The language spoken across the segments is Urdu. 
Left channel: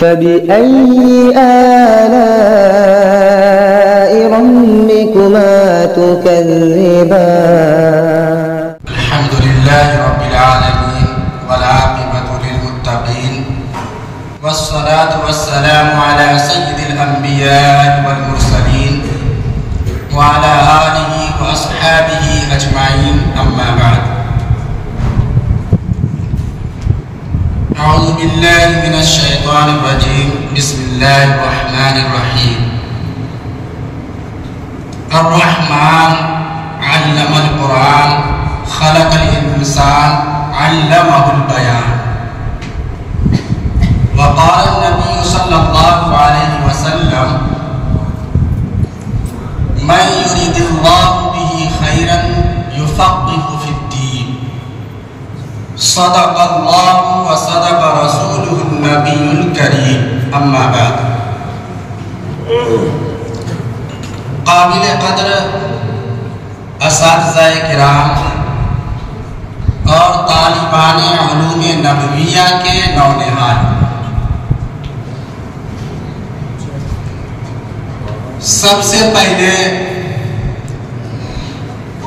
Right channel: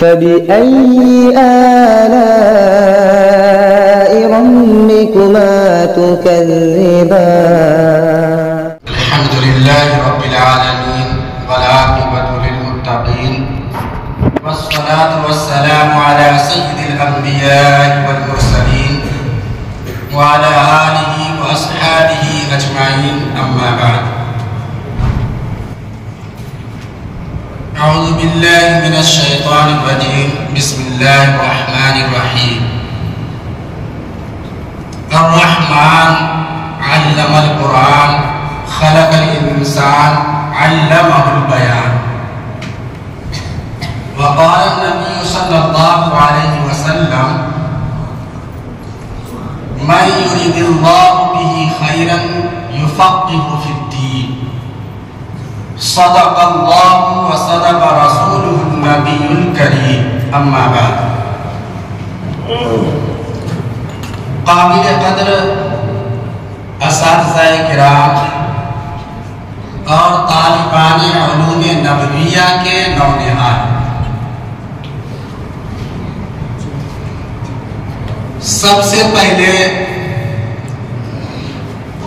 فبأي آلاء ربكما تكذبان الحمد لله رب العالمين والعاقبة للمتقين والصلاة والسلام على سيد الأنبياء والمرسلين وعلى آله وأصحابه أجمعين أما بعد أعوذ بالله من الشيطان الرجيم بسم الله الرحمن الرحيم الرحمن علم القرآن خلق الإنسان علمه البيان وقال النبي صلى الله عليه وسلم من يريد الله به خيرا يفقه في الدين صدق الله وصدق رسوله النبي الكريم أما بعد قابل قدر اساتذہ کرام اور طالبان علوم نبویہ کے نونہال، سب سے پہلے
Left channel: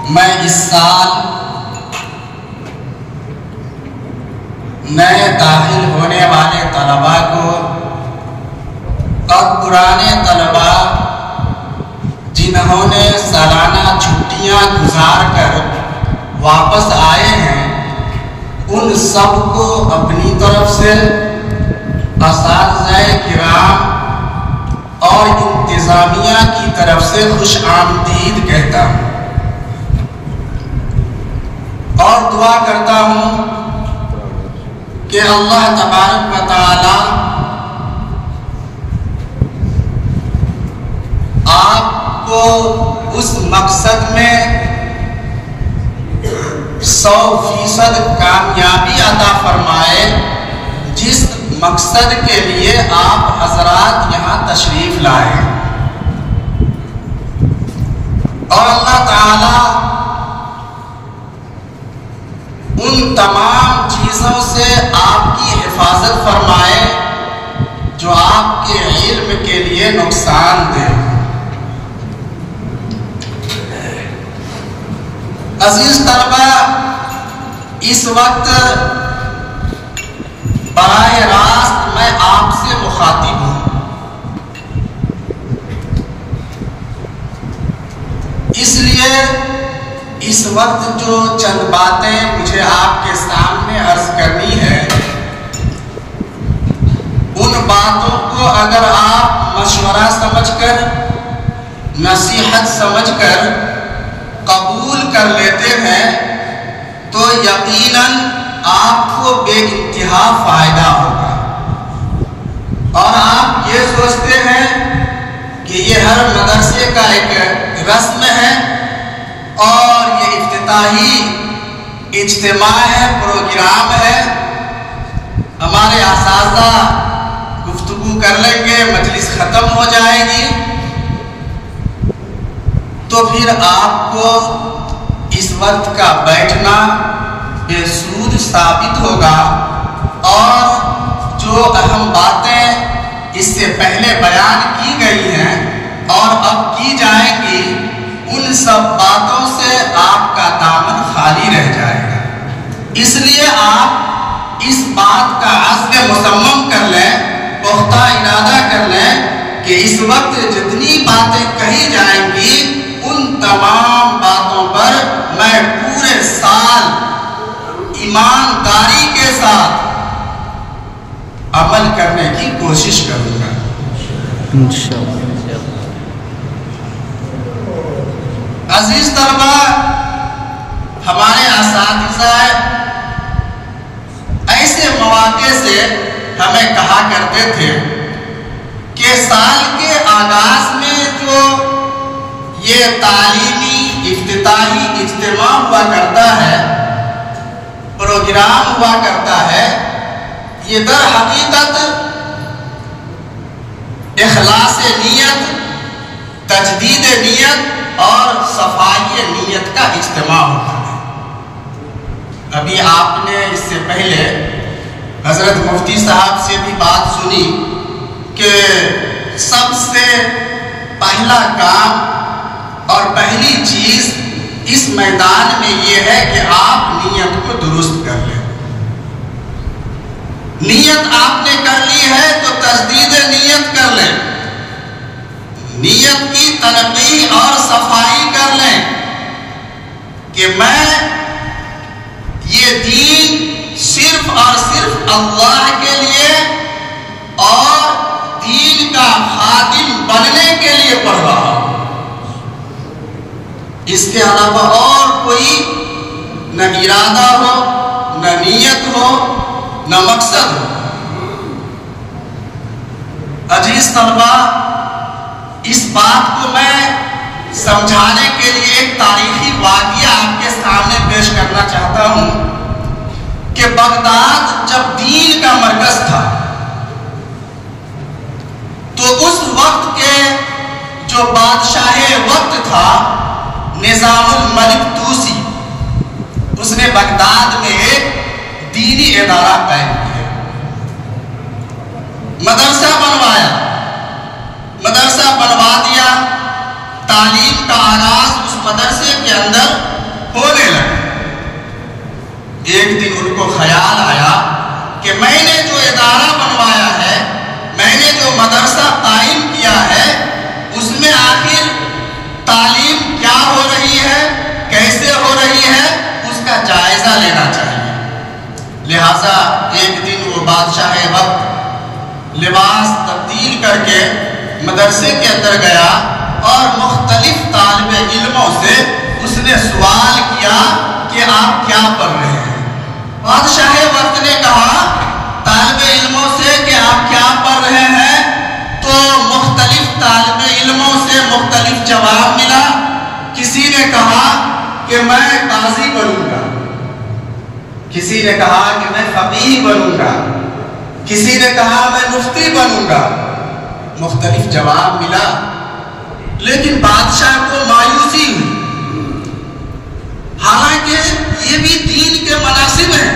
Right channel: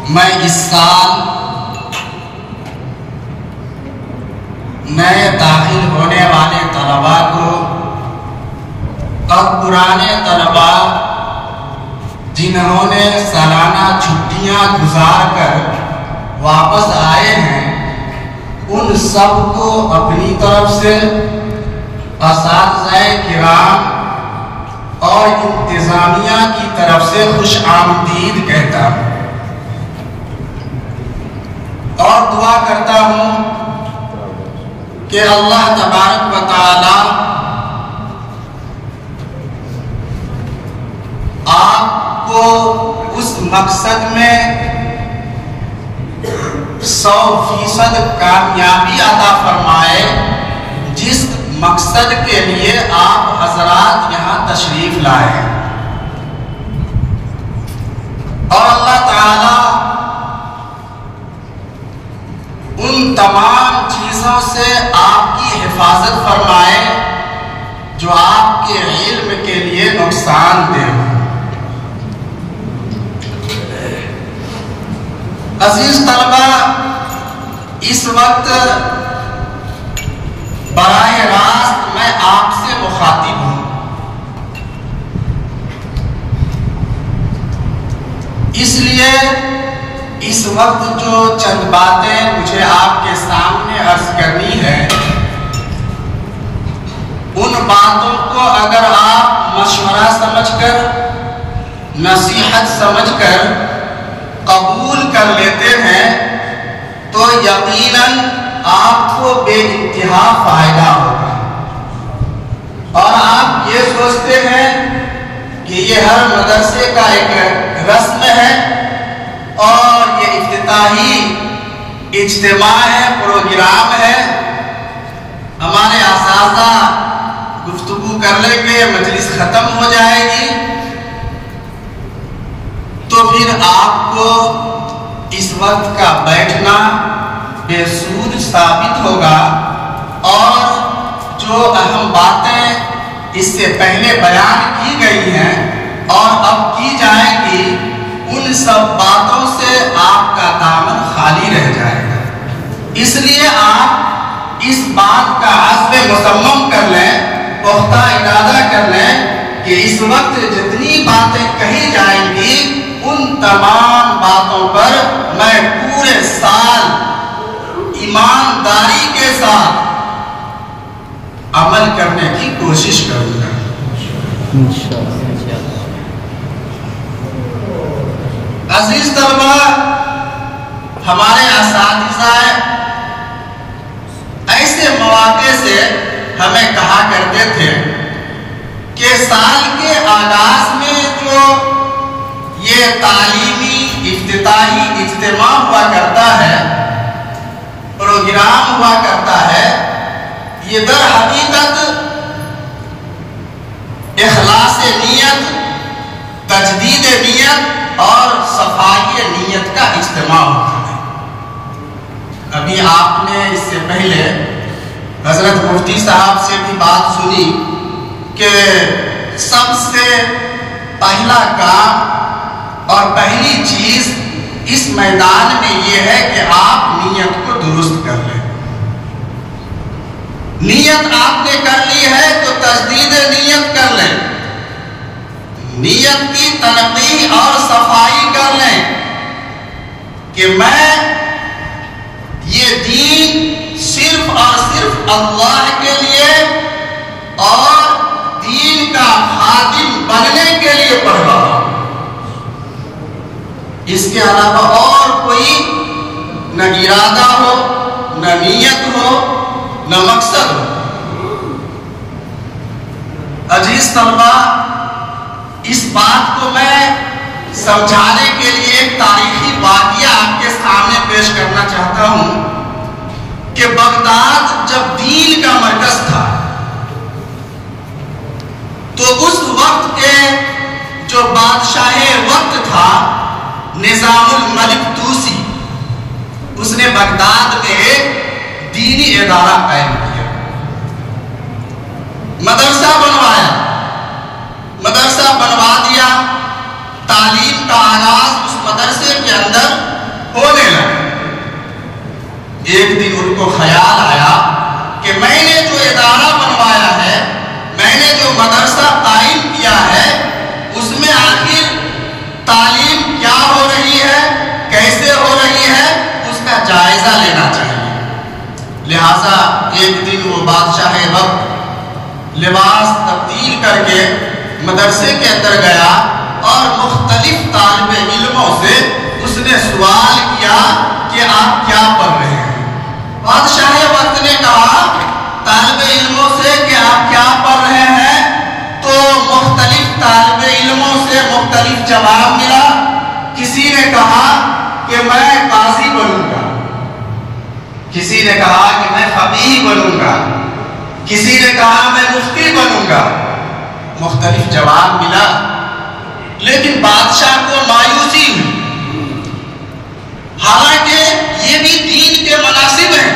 میں اس سال نئے داخل ہونے والے طلباء کو اور پرانے طلباء جنہوں نے سالانہ چھٹیاں گزار کر واپس آئے ہیں، ان سب کو اپنی طرف سے اساتذہ کرام اور انتظامیہ کی طرف سے خوش آمدید کہتا ہوں اور دعا کرتا ہوں کہ اللہ تبارک و تعالی آپ کو اس مقصد میں 100% کامیابی عطا فرمائے جس مقصد کے لیے آپ حضرات یہاں تشریف لائے، اور اللہ تعالی ان تمام چیزوں سے آپ کی حفاظت فرمائے جو آپ کے علم کے لیے نقصان دہ ہو۔ عزیز طلبہ، اس وقت براہ راست میں آپ سے مخاطب ہوں، اس لیے اس وقت جو چند باتیں مجھے آپ کے سامنے عرض کرنی ہے، ان باتوں کو اگر آپ مشورہ سمجھ کر، نصیحت سمجھ کر قبول کر لیتے ہیں تو یقیناً آپ کو بے انتہا فائدہ ہوگا، اور آپ یہ سوچتے ہیں کہ یہ ہر مدرسے کا ایک رسم ہے اور یہ افتتاحی اجتماع ہے، پروگرام ہے، ہمارے اساتذہ گفتگو کر لیں گے، مجلس ختم ہو جائے گی، تو پھر آپ کو اس وقت کا بیٹھنا بے سود ثابت ہوگا، اور جو اہم باتیں اس سے پہلے بیان کی گئی ہیں اور اب کی جائیں گی، ان سب باتوں سے آپ کا دامن خالی رہ جائے گا۔ اس لیے آپ اس بات کا عزم مصمم کر لیں، پختہ ارادہ کر لیں کہ اس وقت جتنی باتیں کہی جائیں گی ان تمام باتوں پر میں پورے سال ایمانداری کے ساتھ عمل کرنے کی کوشش کروں گا انشاءاللہ۔ عزیز طلبہ، ہمارے اساتذہ ایسے مواقع سے ہمیں کہا کرتے تھے کہ سال کے آغاز میں جو یہ تعلیمی افتتاحی اجتماع ہوا کرتا ہے، پروگرام ہوا کرتا ہے، یہ در حقیقت اخلاص نیت، تجدید نیت اور صفائی نیت کا اجتماع ہوتا ہے۔ ابھی آپ نے اس سے پہلے حضرت مفتی صاحب سے بھی بات سنی کہ سب سے پہلا کام اور پہلی چیز اس میدان میں یہ ہے کہ آپ نیت کو درست کر لیں۔ نیت آپ نے کر لی ہے تو تجدید نیت کر لیں، نیت کی تنقیح اور صفائی کر لیں کہ میں یہ دین صرف اور صرف اللہ کے لیے اور دین کا خادم بننے کے لیے پڑھ رہا ہوں، اس کے علاوہ اور کوئی نہ ارادہ ہو، نہ نیت ہو، نہ مقصد ہو۔ عزیز طلبہ، اس بات کو میں سمجھانے کے لیے ایک تاریخی واقعہ آپ کے سامنے پیش کرنا چاہتا ہوں کہ بغداد جب دین کا مرکز تھا تو اس وقت کے جو بادشاہ وقت تھا نظام الملک توسی، اس نے بغداد میں ایک دینی ادارہ قائم کیا، مدرسہ بنوا دیا، تعلیم کا آغاز اس مدرسے کے اندر ہونے لگا۔ ایک دن ان کو خیال آیا کہ میں نے جو ادارہ بنوایا ہے، میں نے جو مدرسہ قائم کیا ہے، اس میں آخر تعلیم کیا ہو رہی ہے، کیسے ہو رہی ہے، اس کا جائزہ لینا چاہیے۔ لہذا ایک دن وہ بادشاہ وقت لباس تبدیل کر کے مدرسے کے اندر گیا اور مختلف طالب علموں سے اس نے سوال کیا کہ آپ کیا پڑھ رہے ہیں؟ بادشاہ وقت نے کہا طالب علموں سے کہ آپ کیا پڑھ رہے ہیں؟ تو مختلف طالب علموں سے مختلف جواب ملا۔ کسی نے کہا کہ میں قاضی بنوں گا، کسی نے کہا کہ میں فقیہ بنوں گا، کسی نے کہا میں مفتی بنوں گا، مختلف جواب ملا۔ لیکن بادشاہ کو مایوسی ہوئی، حالانکہ یہ بھی دین کے مناسب ہیں،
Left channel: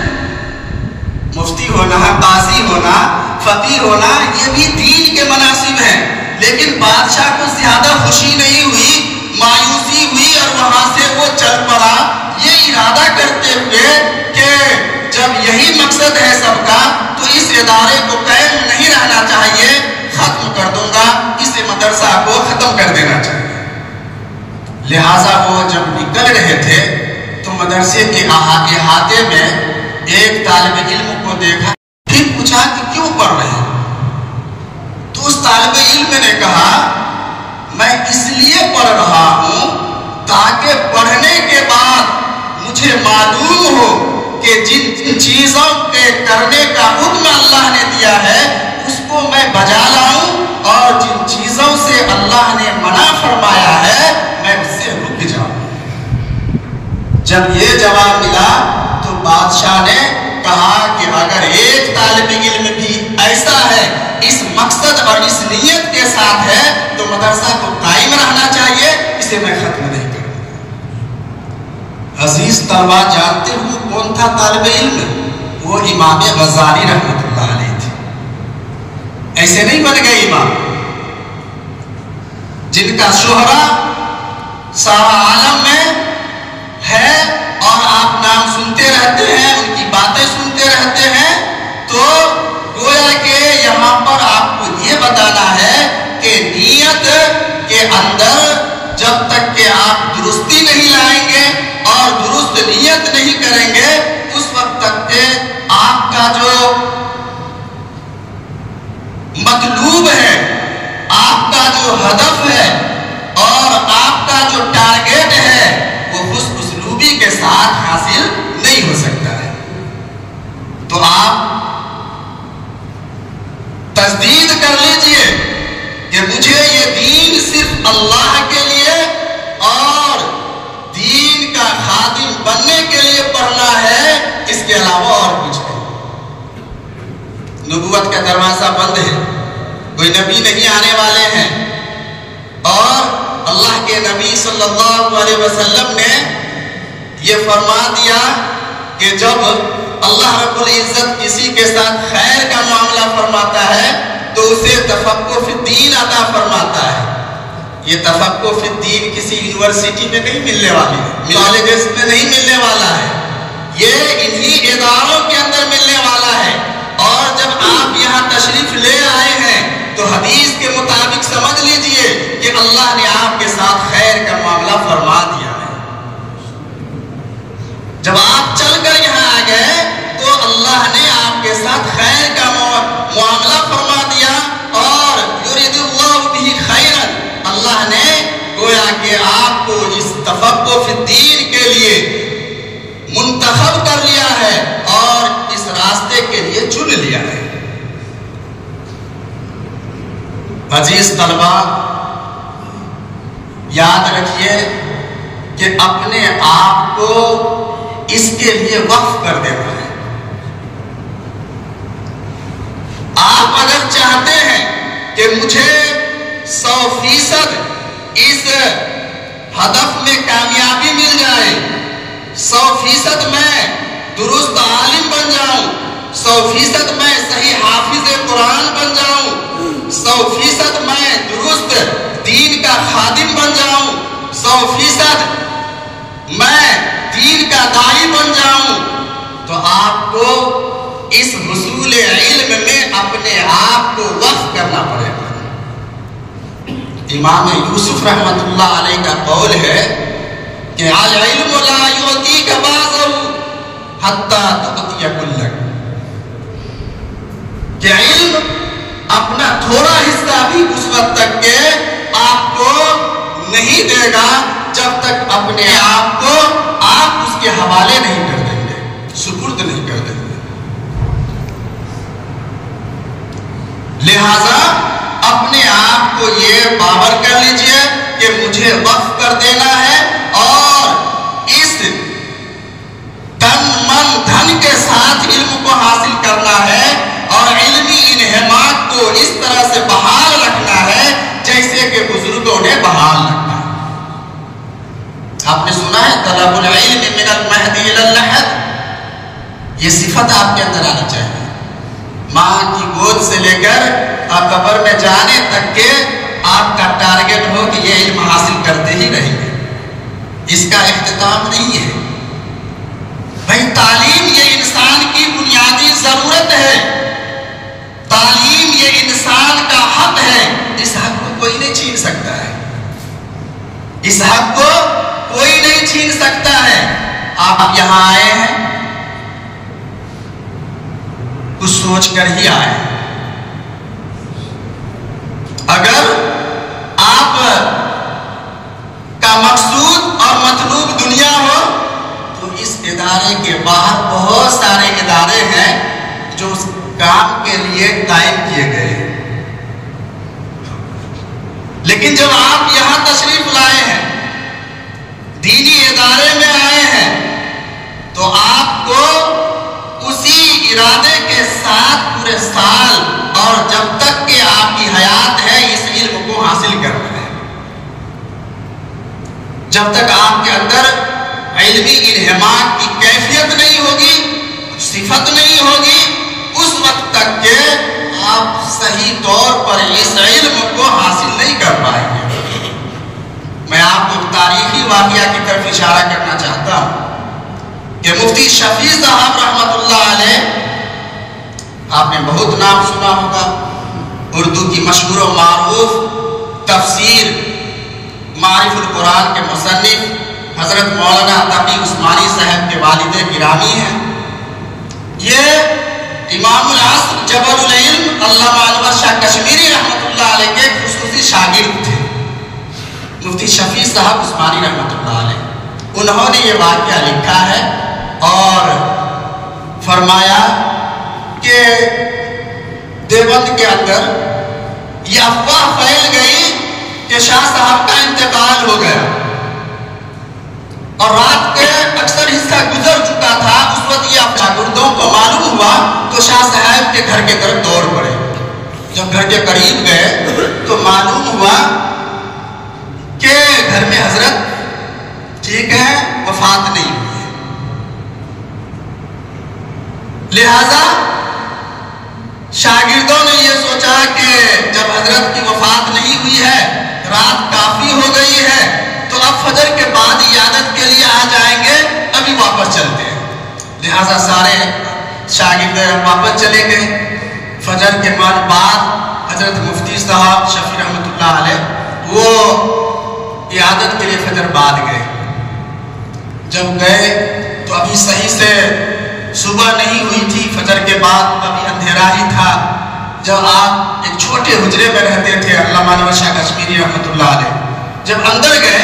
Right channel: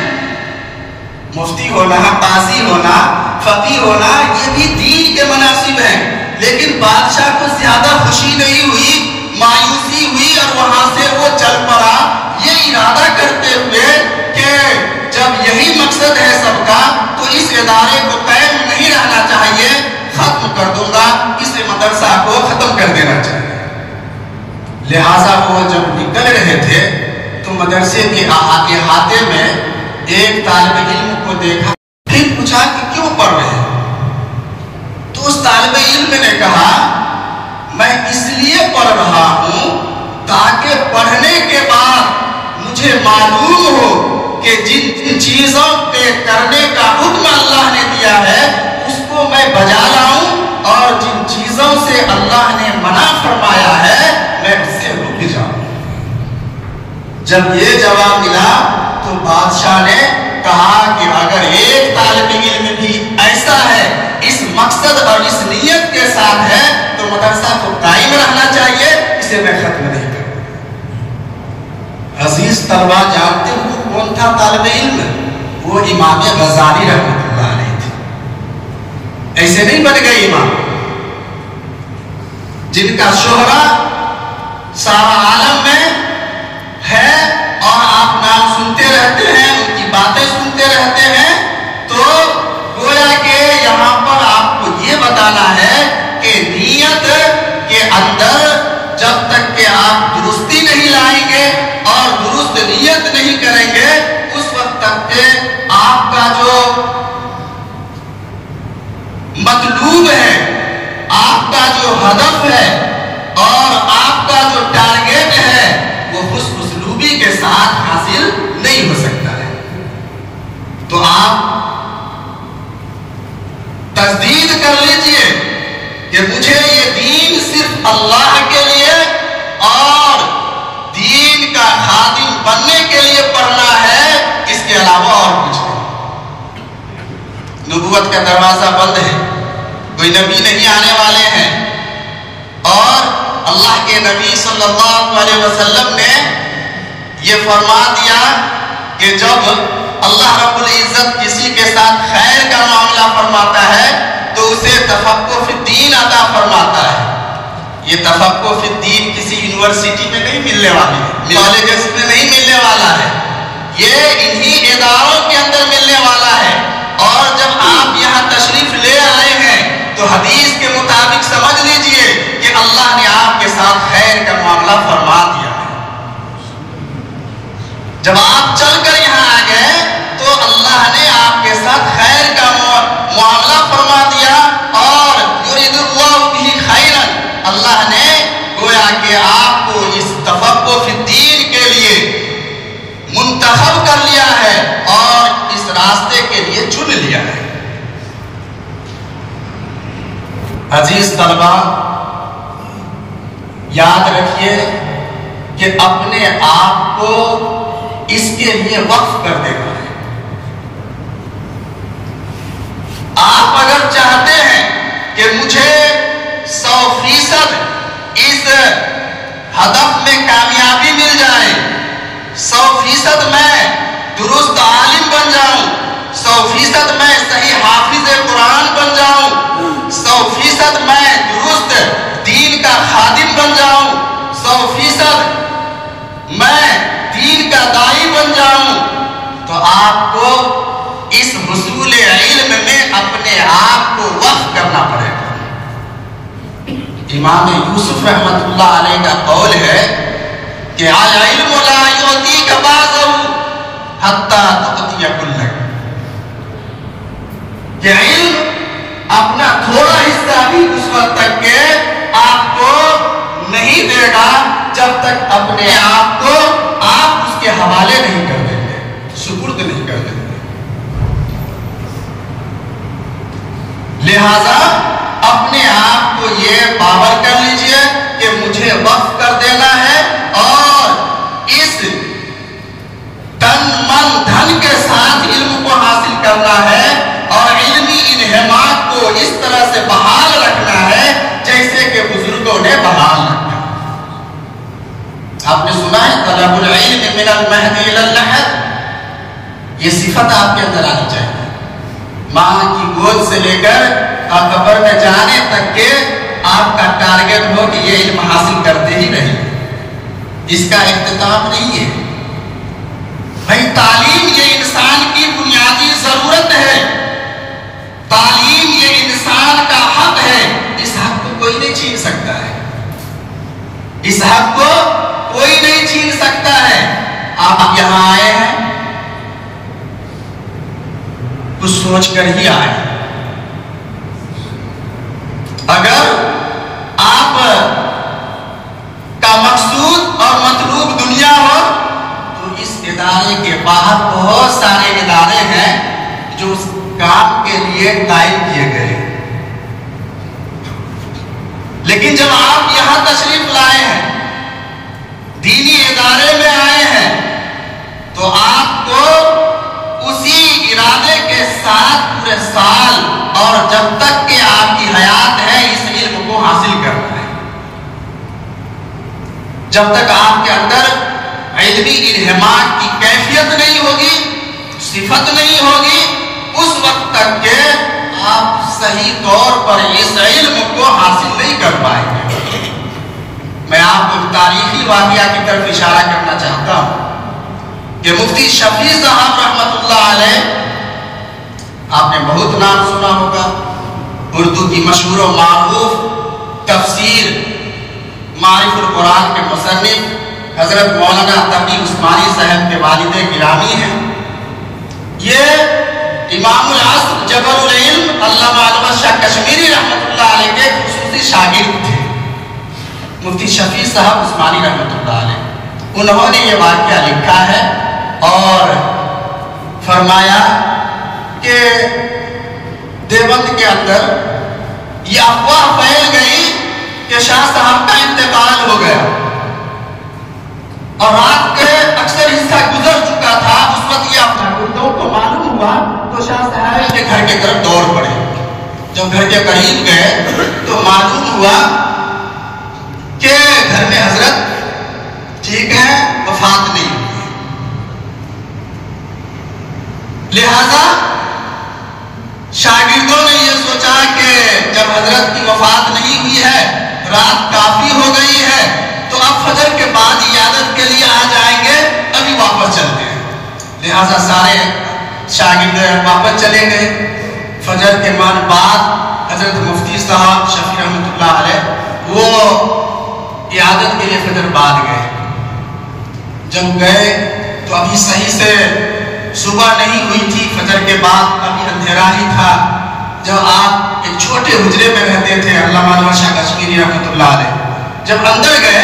مفتی ہونا، قاضی ہونا، فقیہ ہونا، یہ بھی دین کے مناسب ہیں، لیکن بادشاہ کو زیادہ خوشی نہیں ہوئی، مایوسی ہوئی اور وہاں سے وہ چل پڑا یہ ارادہ کرتے ہوئے کہ جب یہی مقصد ہے سب کا تو اس ادارے کو قائم نہیں رہنا چاہیے، ختم کر دوں گا، اس مدرسہ کو ختم کر دینا چاہیے۔ لہٰذا وہ جب نکل رہے تھے تو مدرسے کے احاطے میں ایک طالب علم کو دیکھا، پھر پوچھا کہ کیوں پڑھ رہے ہیں؟ تو اس طالب علم نے کہا میں اس لیے پڑھ رہا ہوں تاکہ پڑھنے کے بعد مجھے معلوم ہو کہ جن چیزوں پہ کرنے کا حکم اللہ نے دیا ہے اس کو میں بجا لاؤں، اور جن چیزوں سے اللہ نے منع فرمایا ہے میں اس سے رک جاؤں۔ جب یہ جواب ملا تو بادشاہ نے کہا کہ اگر ایک طالب علم بھی ایسا ہے، اس مقصد اور اس نیت کے ساتھ ہے تو مدرسہ تو قائم رہنا چاہیے، اسے میں ختم نہیں کروں۔ عزیز طلبہ، جانتے ہو کون تھا طالب علم؟ وہ امام غزالی رحمۃ اللہ علیہ تھے۔ ایسے نہیں بن گئے امام جن کا شہرہ سارا عالم میں ہے اور آپ نام سنتے رہتے ہیں، ان کی باتیں سنتے رہتے ہیں، تو گویا کہ یہاں پر آپ کو یہ بتانا ہے کہ نیت کے اندر جب تک کہ آپ درستی نہیں لائیں گے اور درست نیت نہیں کریں گے اس وقت تک کہ آپ کا جو مطلوب ہے، آپ کا جو ہدف ہے اور آپ کا جو ٹارگیٹ ہے وہ خوش اسلوبی کے ساتھ حاصل نہیں ہو سکتا ہے۔ تو آپ تجدید کر لیجئے کہ مجھے یہ دین صرف اللہ کے لیے اور دین کا خادم بننے کے لیے پڑھنا ہے، اس کے علاوہ اور کچھ نہیں۔ نبوت کا دروازہ بند ہے، کوئی نبی نہیں آنے والے ہیں، اور اللہ کے نبی صلی اللہ علیہ وسلم نے یہ فرما دیا کہ جب اللہ رب العزت کسی کے ساتھ خیر کا معاملہ فرماتا ہے تو اسے تفقہ فی الدین عطا فرماتا ہے۔ یہ تفقہ فی الدین کسی یونیورسٹی میں نہیں ملنے والی ہے، کالجز میں نہیں ملنے والا ہے، یہ انہی اداروں کے اندر ملنے والا ہے۔ اور جب آپ یہاں تشریف لے آئے ہیں تو حدیث کے مطابق سمجھ لیجئے کہ اللہ نے آپ کے ساتھ خیر کا معاملہ فرما دیا ہے۔ جب آپ چل کر یہاں آ گئے تو اللہ نے آپ کے ساتھ خیر کا معاملہ فرما دیا، اور یرید اللہ بہ خیرا، اللہ نے گویا کہ آپ کو اس تفقہ فی الدین کے لیے منتخب کر لیا ہے اور اس راستے کے لیے چن لیا ہے۔ عزیز طلبہ، یاد رکھیے کہ اپنے آپ کو اس کے لیے وقف کر دینا ہے۔ آپ اگر چاہتے ہیں کہ مجھے 100% اس ہدف میں کامیابی مل جائے، 100% میں درست عالم بن جاؤں، 100% میں صحیح حافظ قرآن بن جاؤں، 100% میں درست دین کا خادم بن جاؤں، 100% میں دین کا داعی بن جاؤں، تو آپ کو اس حصول علم میں اپنے آپ کو وقف کرنا پڑے گا۔ امام یوسف رحمت اللہ علیہ کا قول ہے کہ العلم لا یعطیک بعضہ حتی تعطی کلک، کہ علم اپنا تھوڑا حصہ بھی اس وقت تک کہ آپ کو نہیں دے گا جب تک اپنے آپ کو آپ اس کے حوالے نہیں کر دیں گے، سپرد نہیں کر دیں گے۔ لہذا اپنے آپ کو یہ باور کر لیجئے کہ مجھے وقف کر دینا ہے، اور اس تن من دھن کے ساتھ علم کو حاصل کرنا ہے، اور علمی انہماک کو اس طرح سے بحال رکھنا ہے جیسے کہ بزرگوں نے بحال رکھنا ہے۔ آپ نے سنا ہے طلب العلم من المہد الی اللحد، یہ صفت آپ کے اندر آنی چاہیے۔ ماں کی گود سے لے کر آپ قبر میں جانے تک کے آپ کا ٹارگٹ ہو کہ یہ علم حاصل کرتے ہی رہیں، اس کا اختتام نہیں ہے۔ بھائی تعلیم یہ انسان کی بنیادی ضرورت ہے، تعلیم یہ انسان کا حق ہے، اس حق کو کوئی نہیں چھین سکتا ہے، اس حق کو کوئی نہیں چھین سکتا ہے۔ آپ یہاں آئے ہیں کچھ سوچ کر ہی آئے ہیں۔ اگر آپ کا مقصود اور مطلوب دنیا ہو تو اس ادارے کے باہر بہت سارے ادارے ہیں جو اس کام کے لیے قائم کیے گئے ہیں، لیکن جب آپ یہاں تشریف لائے ہیں، دینی ادارے میں آئے ہیں، تو آپ کو اسی ارادے کے ساتھ پورے سال اور جب تک کہ آپ کی حیات ہے اس علم کو حاصل کرنا ہے۔ جب تک آپ کے اندر علمی انہماک کی کیفیت نہیں ہوگی، صفت نہیں ہوگی، اس وقت تک کہ آپ صحیح طور پر اس علم کو حاصل نہیں کر پائیں گے۔ میں آپ کو تاریخی واقعہ کی طرف اشارہ کرنا چاہتا ہوں کہ مفتی شفیع صاحب رحمت اللہ علیہ، آپ نے بہت نام سنا ہوگا، اردو کی مشہور و معروف تفسیر معرف القرآن کے مصنف حضرت مولانا تقی عثمانی صاحب کے والد گرامی ہیں۔ یہ امام العصر جبل العلم علامہ علوہ شاہ کشمیری رحمت اللہ علیہ کے خصوصی شاگرد تھے، مفتی شفیع صاحب عثمانی رحمت اللہ علیہ۔ انہوں نے یہ واقعہ لکھا ہے اور فرمایا کہ دیوبند کے اندر یہ افواہ پھیل گئی کہ شاہ صاحب کا انتقال ہو گیا، اور رات کے اکثر حصہ گزر چکا تھا۔ اس وقت یہ شاگردوں کو معلوم ہوا تو شاہ صاحب کے گھر کے طرف دوڑ پڑے۔ جب گھر کے قریب گئے تو معلوم ہوا کہ گھر میں حضرت ٹھیک ہے، وفات نہیں ہوئی۔ لہذا شاگردوں نے یہ سوچا کہ جب حضرت کی وفات نہیں ہوئی ہے، رات کافی ہو گئی ہے، تو اب فجر کے بعد عیادت کے لیے آ جائیں گے، ابھی واپس چلتے ہیں۔ لہذا سارے شاگرد واپس چلے گئے۔ فجر کے بعد حضرت مفتی صاحب شفیع رحمۃ اللہ علیہ وہ عیادت کے لیے فجر بعد گئے۔ جب گئے تو ابھی صحیح سے صبح نہیں ہوئی تھی، فجر کے بعد ابھی اندھیرا ہی تھا۔ جب آپ ایک چھوٹے حجرے میں رہتے تھے، علامہ انور شاہ کشمیری رحمۃ اللہ علیہ، جب اندر گئے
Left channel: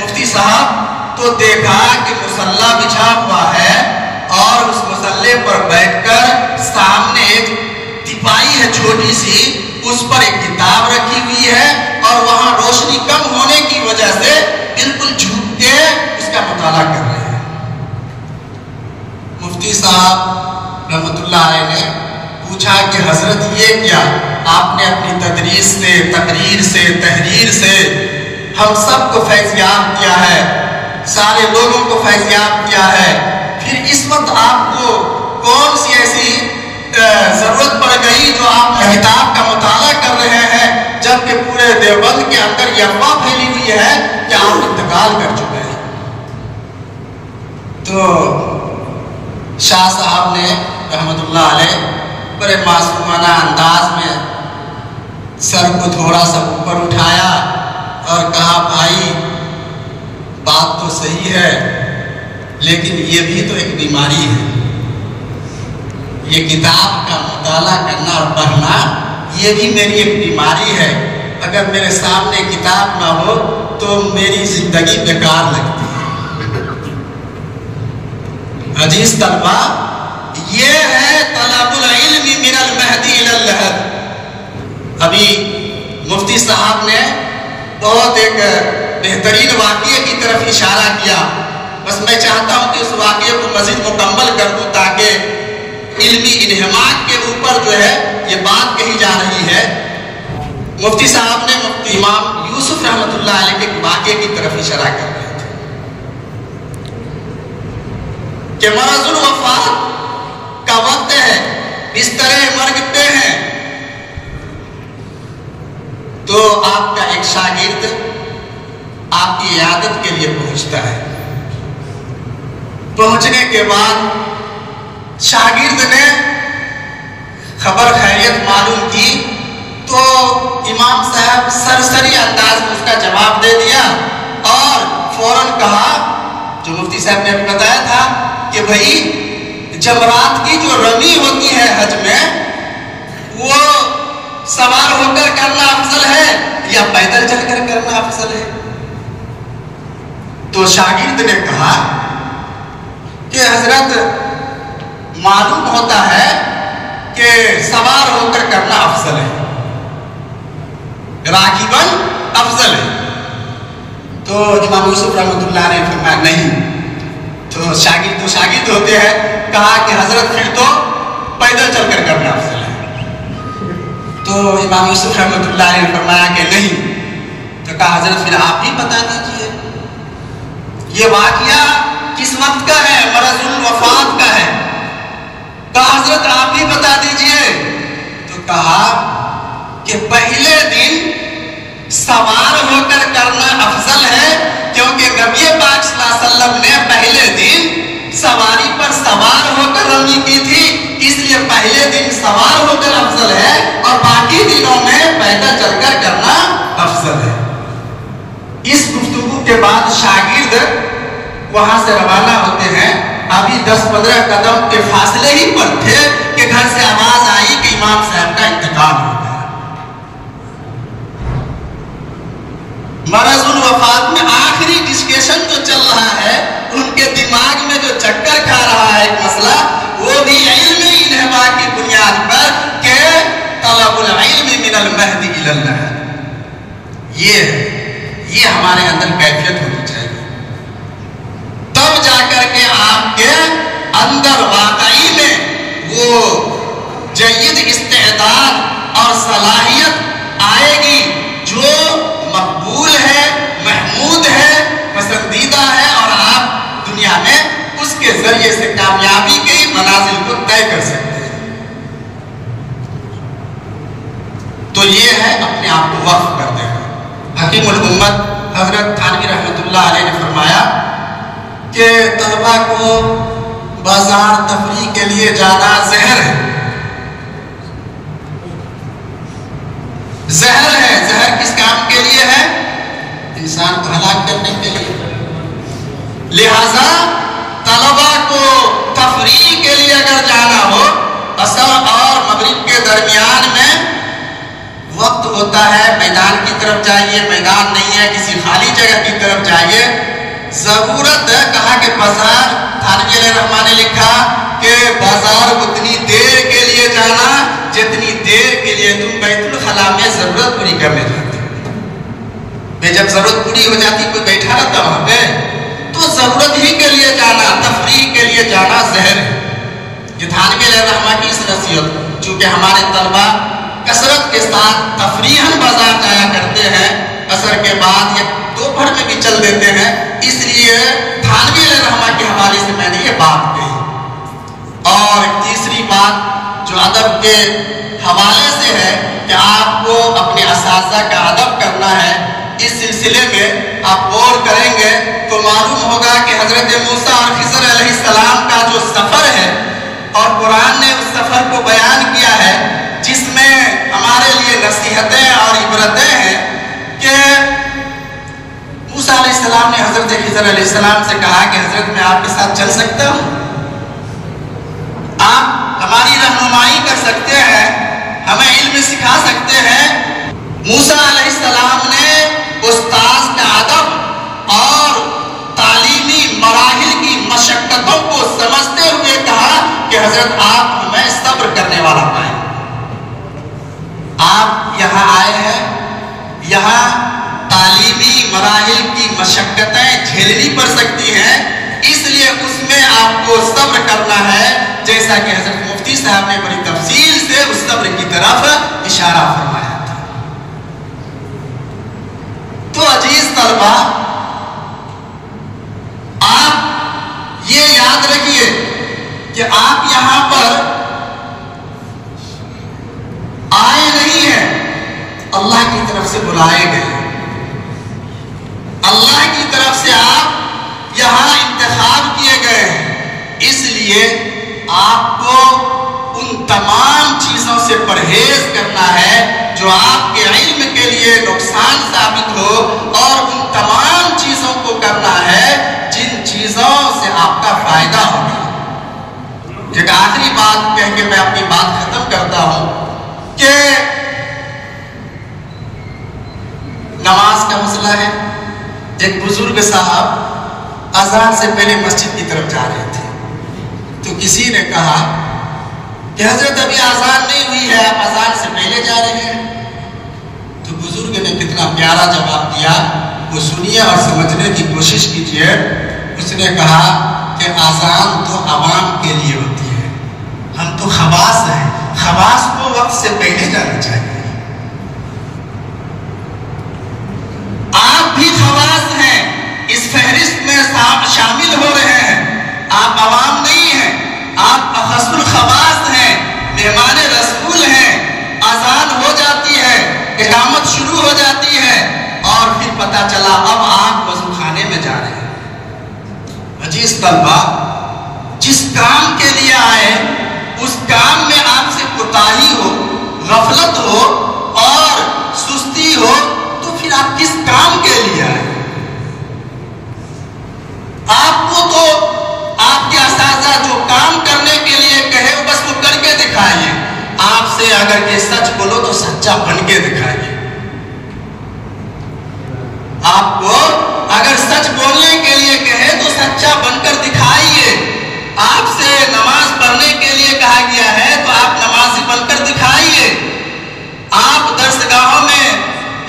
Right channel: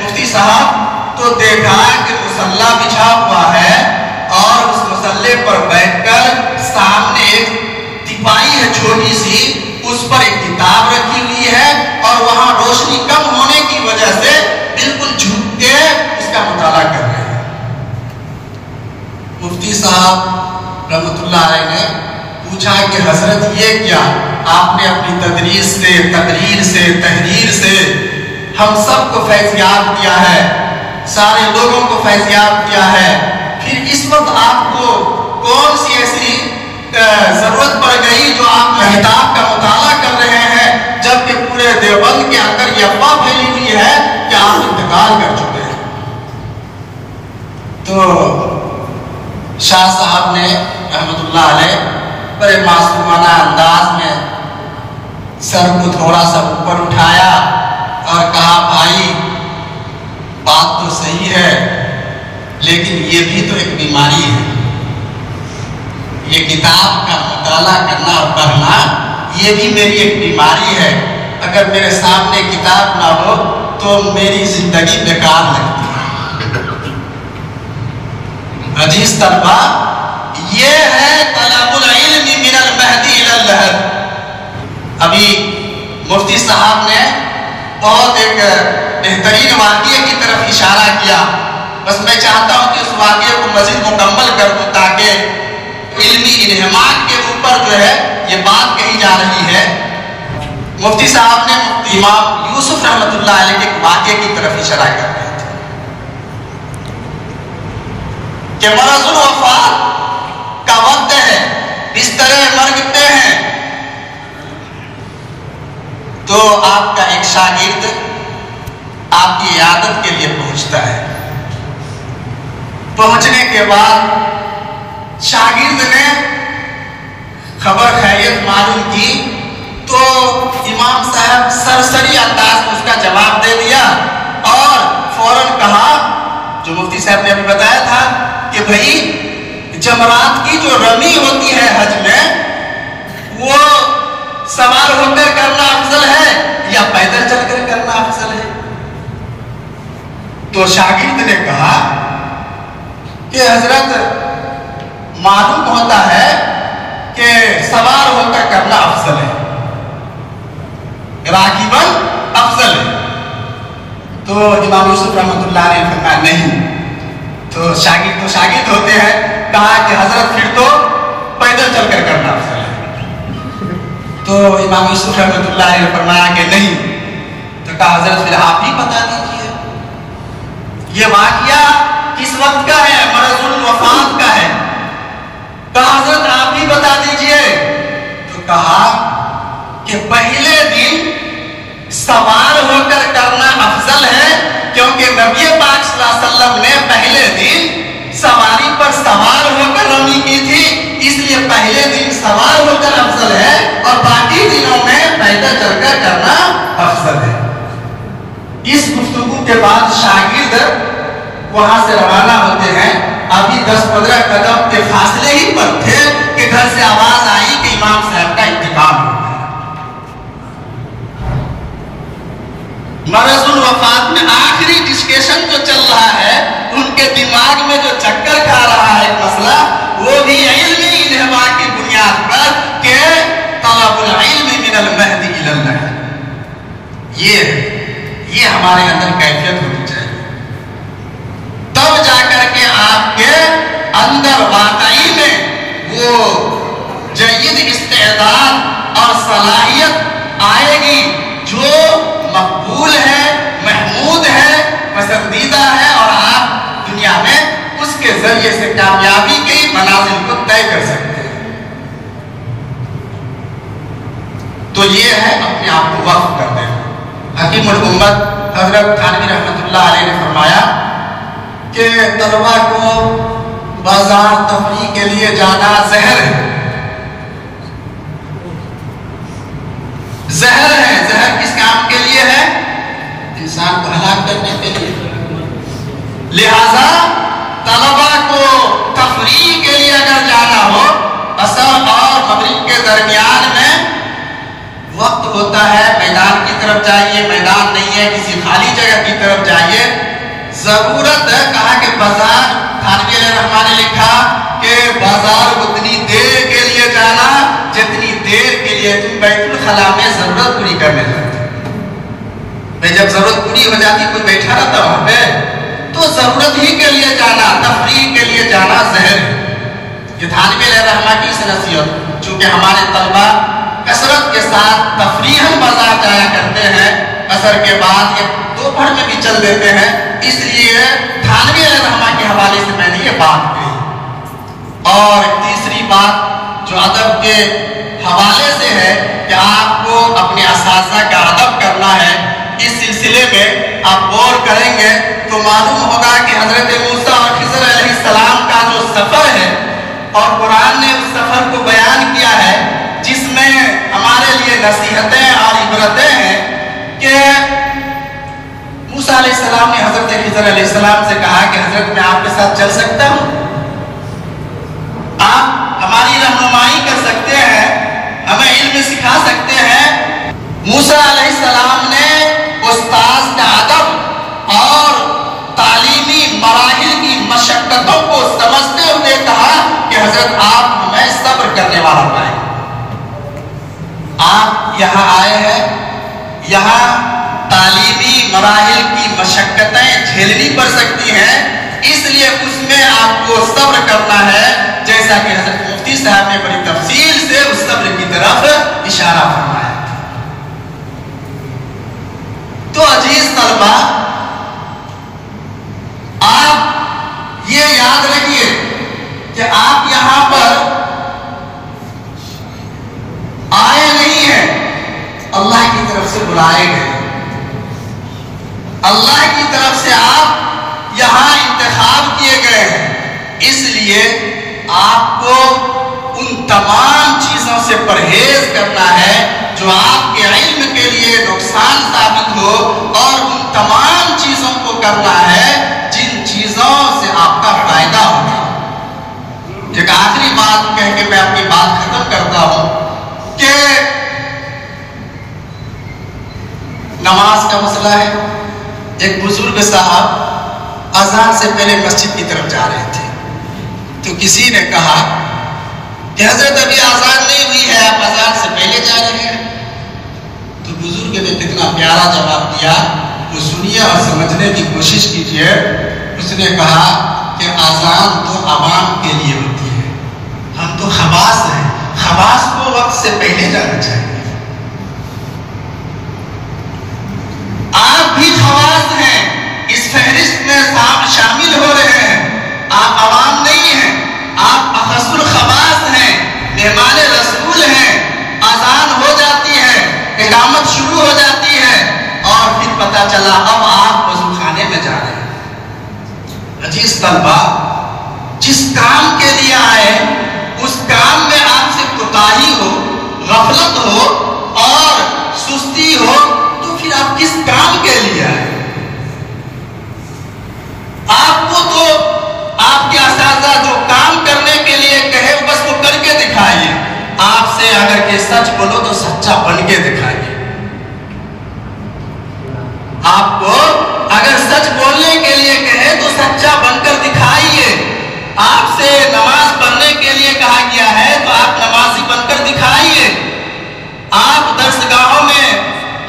مفتی صاحب تو دیکھا کہ مصلی بچھا ہوا ہے اور اس مصلی پر بیٹھ کر سامنے ایک تپائی ہے چھوٹی سی، اس پر ایک کتاب رکھی ہوئی ہے اور وہاں روشنی کم ہونے کی وجہ سے بالکل جھک کے اس کا مطالعہ کر رہے ہیں۔ مفتی صاحب رحمۃ اللہ علیہ نے پوچھا کہ حضرت یہ کیا؟ آپ نے اپنی تدریس سے، تقریر سے، تحریر سے ہم سب کو فیضیاب کیا ہے، سارے لوگوں کو فیضیاب کیا ہے، پھر اس وقت آپ کو کون سی ایسی ضرورت پڑ گئی جو آپ کتاب کا مطالعہ کر رہے ہیں، جبکہ پورے دیوبند کے اندر یہ افواہ پھیلی ہوئی ہے کہ آپ انتقال کر چکے ہیں۔ تو شاہ صاحب نے رحمۃ اللہ علیہ بڑے معصومانہ انداز میں سر کو تھوڑا سا اوپر اٹھایا اور کہا بھائی بات تو صحیح ہے، لیکن یہ بھی تو ایک بیماری ہے۔ یہ کتاب کا مطالعہ کرنا اور پڑھنا یہ بھی میری ایک بیماری ہے۔ اگر میرے سامنے کتاب نہ ہو تو میری زندگی بیکار لگتی ہے۔ عزیز طلبہ، یہ ہے طلب العلم من المہدی الی اللحد۔ ابھی مفتی صاحب نے بہت ایک بہترین واقعے کی طرف اشارہ کیا، بس میں چاہتا ہوں کہ اس واقعے کو مزید مکمل کر دوں تاکہ علمی انہماک کے اوپر جو ہے یہ بات کہی جا رہی ہے۔ مفتی صاحب نے مفتی امام یوسف رحمۃ اللہ علیہ کے واقعے کی طرف اشارہ کر رہے تھے کہ مرض الوفات کا وقت ہے، بستر مرگ پہ ہیں، تو آپ کا ایک شاگرد آپ کی عیادت کے لیے پہنچتا ہے۔ پہنچنے کے بعد شاگرد نے خبر خیریت معلوم کی تو امام صاحب سرسری انداز میں اس کا جواب دے دیا اور فوراً کہا، جو مفتی صاحب نے ابھی بتایا تھا، کہ بھائی جمرات کی جو رمی ہوتی ہے حج میں، وہ سوار ہو کر کرنا افضل ہے یا پیدل چل کر کرنا افضل ہے؟ تو شاگرد نے کہا کہ حضرت معلوم ہوتا ہے کہ سوار ہو کر کرنا افضل ہے، راکباً افضل ہے۔ تو امام یوسف رحمۃ اللہ علیہ نے فرمایا نہیں، تو شاگرد ہوتے ہیں، کہا کہ حضرت پھر تو پیدل چل کر کرنا افضل ہے۔ تو امام یوسف رحمۃ اللہ علیہ نے فرمایا کہ نہیں، تو کہا حضرت پھر آپ ہی بتا دیجئے یہ واقعہ کس وقت کا ہے، مرض الوفات کا ہے۔ کہا حضرت آپ ہی بتا دیجئے، تو کہا کہ پہلے دن سوار ہو کر کرنا افضل ہے، کیونکہ نبی پاک صلی اللہ علیہ وسلم نے پہلے دن سواری پر سوار ہو کر رمی کی تھی، اس لیے پہلے دن سوار ہو کر افضل ہے اور باقی دنوں میں پیدل چل کر کرنا افضل ہے۔ اس گفتگو کے بعد شاگرد وہاں سے روانہ ہوتے ہیں۔ ابھی 10-15 قدم کے فاصلے ہی پر تھے کہ گھر سے آواز آئی کہ امام صاحب کا انتقال ہو گیا۔ مرض الوفات میں آخری ڈسکشن جو چل رہا ہے، ان کے دماغ میں جو چکر کھا رہا ہے ایک مسئلہ، وہ بھی علمی انہما کی بنیاد پر کہ طلب العلم من المہدی الی اللحد۔ یہ ہمارے اندر کیفیت ہونی چاہیے، تب جا کر کے آپ کے اندر واقعی میں وہ جید استعداد اور صلاحیت آئے گی جو مقبول ہے، محمود ہے، پسندیدہ ہے، اور آپ دنیا میں اس کے ذریعے سے کامیابی کی منازل کو طے کر سکتے ہیں۔ تو یہ ہے اپنے آپ کو وقف کر دینا۔ حکیم الامت حضرت تھانوی رحمۃ اللہ علیہ نے فرمایا کہ طلبہ کو بازار تفریح کے لیے جانا زہر ہے، زہر ہے۔ زہر کس کام کے لیے ہے؟ انسان کو ہلاک کرنے کے لیے۔ لہذا طلبہ کو تفریح کے لیے اگر جانا ہو، عصر اور مغرب کے درمیان میں وقت ہوتا ہے، میدان کی طرف جائیے، میدان نہیں ہے کسی خالی جگہ کی طرف جائیے۔ ضرورت کہا کہ بازار، تھانوی علیہ الرحمٰن نے لکھا کہ بازار اتنی دیر کے لیے جانا جتنی دیر کے لیے تم بیت الخلا میں ضرورت پوری کرنے جاتے ہو۔ جب ضرورت پوری ہو جاتی کوئی بیٹھا رہتا وہاں پہ، تو ضرورت ہی کے لیے جانا، تفریح کے لیے جانا زہر ہے۔ یہ تھانوی علیہ الرحمٰن کی اس نصیحت، چونکہ ہمارے طلبہ کثرت کے ساتھ تفریحاً بازار جایا کرتے ہیں، عصر کے بعد یا دوپہر میں بھی چل دیتے ہیں، اس لیے تھانوی علیہ الرحمٰن کے حوالے سے میں نے یہ بات کہی۔ اور تیسری بات جو ادب کے حوالے سے ہے کہ آپ کو اپنے اساتذہ کا ادب کرنا ہے، اس سلسلے میں آپ غور کریں گے تو معلوم ہوگا کہ حضرت موسیٰ اور خضر علیہ السلام کا جو سفر ہے، اور قرآن نے اس سفر کو بیان کیا ہے جس میں ہمارے لیے نصیحتیں اور عبرتیں ہیں کہ موسیٰ علیہ السلام نے حضرت خضر علیہ السلام سے کہا کہ حضرت میں آپ کے ساتھ چل سکتا ہوں، آپ ہماری رہنمائی کر سکتے ہیں، ہمیں علم سکھا سکتے ہیں۔ موسیٰ علیہ السلام نے استاذ کا ادب اور تعلیمی مراحل کی مشقتوں کو سمجھتے ہوئے کہا کہ حضرت آپ ہمیں صبر کرنے والا پائیں۔ آپ یہاں آئے ہیں، یہاں تعلیمی مراحل کی مشقتیں جھیلنی پڑ سکتی ہیں، اس لیے اس میں آپ کو صبر کرنا ہے، جیسا کہ حضرت مفتی صاحب نے بڑی تفصیل سے اس صبر کی طرف اشارہ فرمایا۔ تو عزیز طلبہ، آپ یہ یاد رکھیے کہ آپ یہاں پر آئے نہیں ہیں، اللہ کی طرف سے بلائے گئے، اللہ کی طرف سے آپ یہاں انتخاب کیے گئے ہیں، اس لیے آپ کو ان تمام چیزوں سے پرہیز کرنا ہے جو آپ کے علم کے لیے نقصان ثابت ہو، اور ان تمام چیزوں کو کرنا ہے جن چیزوں سے آپ کا فائدہ ہو۔ ایک آخری بات کہہ کے میں اپنی بات ختم کرتا ہوں کہ نماز کا مسئلہ ہے۔ ایک بزرگ صاحب اذان سے پہلے مسجد کی طرف جا رہے تھے، تو کسی نے کہا کہ حضرت ابھی اذان نہیں ہوئی ہے، آپ اذان سے پہلے جا رہے ہیں۔ تو بزرگ نے کتنا پیارا جواب دیا، وہ سنیے اور سمجھنے کی کوشش کیجیے۔ اس نے کہا کہ اذان تو عوام کے لیے ہوتی ہے، ہم تو خواص ہیں، خواص کو وقت سے پہلے جانا چاہیے۔ آپ بھی خواص ہیں، اس فہرست میں شامل ہو رہے ہیں، آپ عوام نہیں ہیں، آپ اخص الخواص ہیں، مہمان رسول ہیں۔ اذان ہو جاتی ہے، اقامت شروع ہو جاتی ہے، اور پھر پتہ چلا اب آپ وضو خانے میں جا رہے ہیں۔ عزیز طلبہ، جس کام کے لیے آئے اس کام میں آپ سے کوتاہی ہو، غفلت ہو اور سستی ہو، تو پھر آپ کس کام کے لیے آئے؟ آپ کو تو آپ کے اساتذہ جو کام کرنے کے لیے کہے بس وہ کر کے دکھائیے، آپ سے اگر کہ سچ بولو تو سچا بن کے دکھائیے۔ آپ کو اگر سچ بولنے کے لیے کہے تو سچا بن کر دکھائیے۔ آپ سے نماز پڑھنے کے لیے کہا گیا ہے تو آپ نمازی بن کر دکھائیے۔ آپ درسگاہوں میں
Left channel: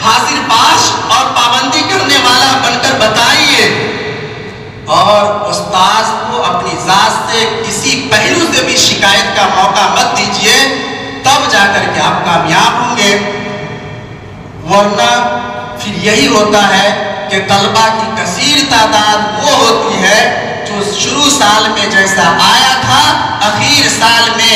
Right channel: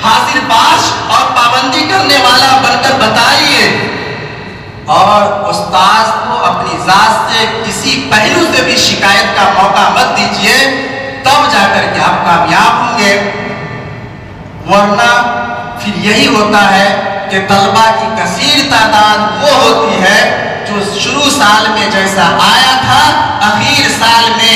حاضر باش اور پابندی کرنے والا بن کر بتائیے، اور استاذ کو اپنی ذات سے کسی پہلو سے بھی شکایت کا موقع مت دیجیے، تب جا کر کے آپ کامیاب ہوں گے۔ ورنہ پھر یہی ہوتا ہے کہ طلبہ کی کثیر تعداد وہ ہوتی ہے جو شروع سال میں جیسا آیا تھا، اخیر سال میں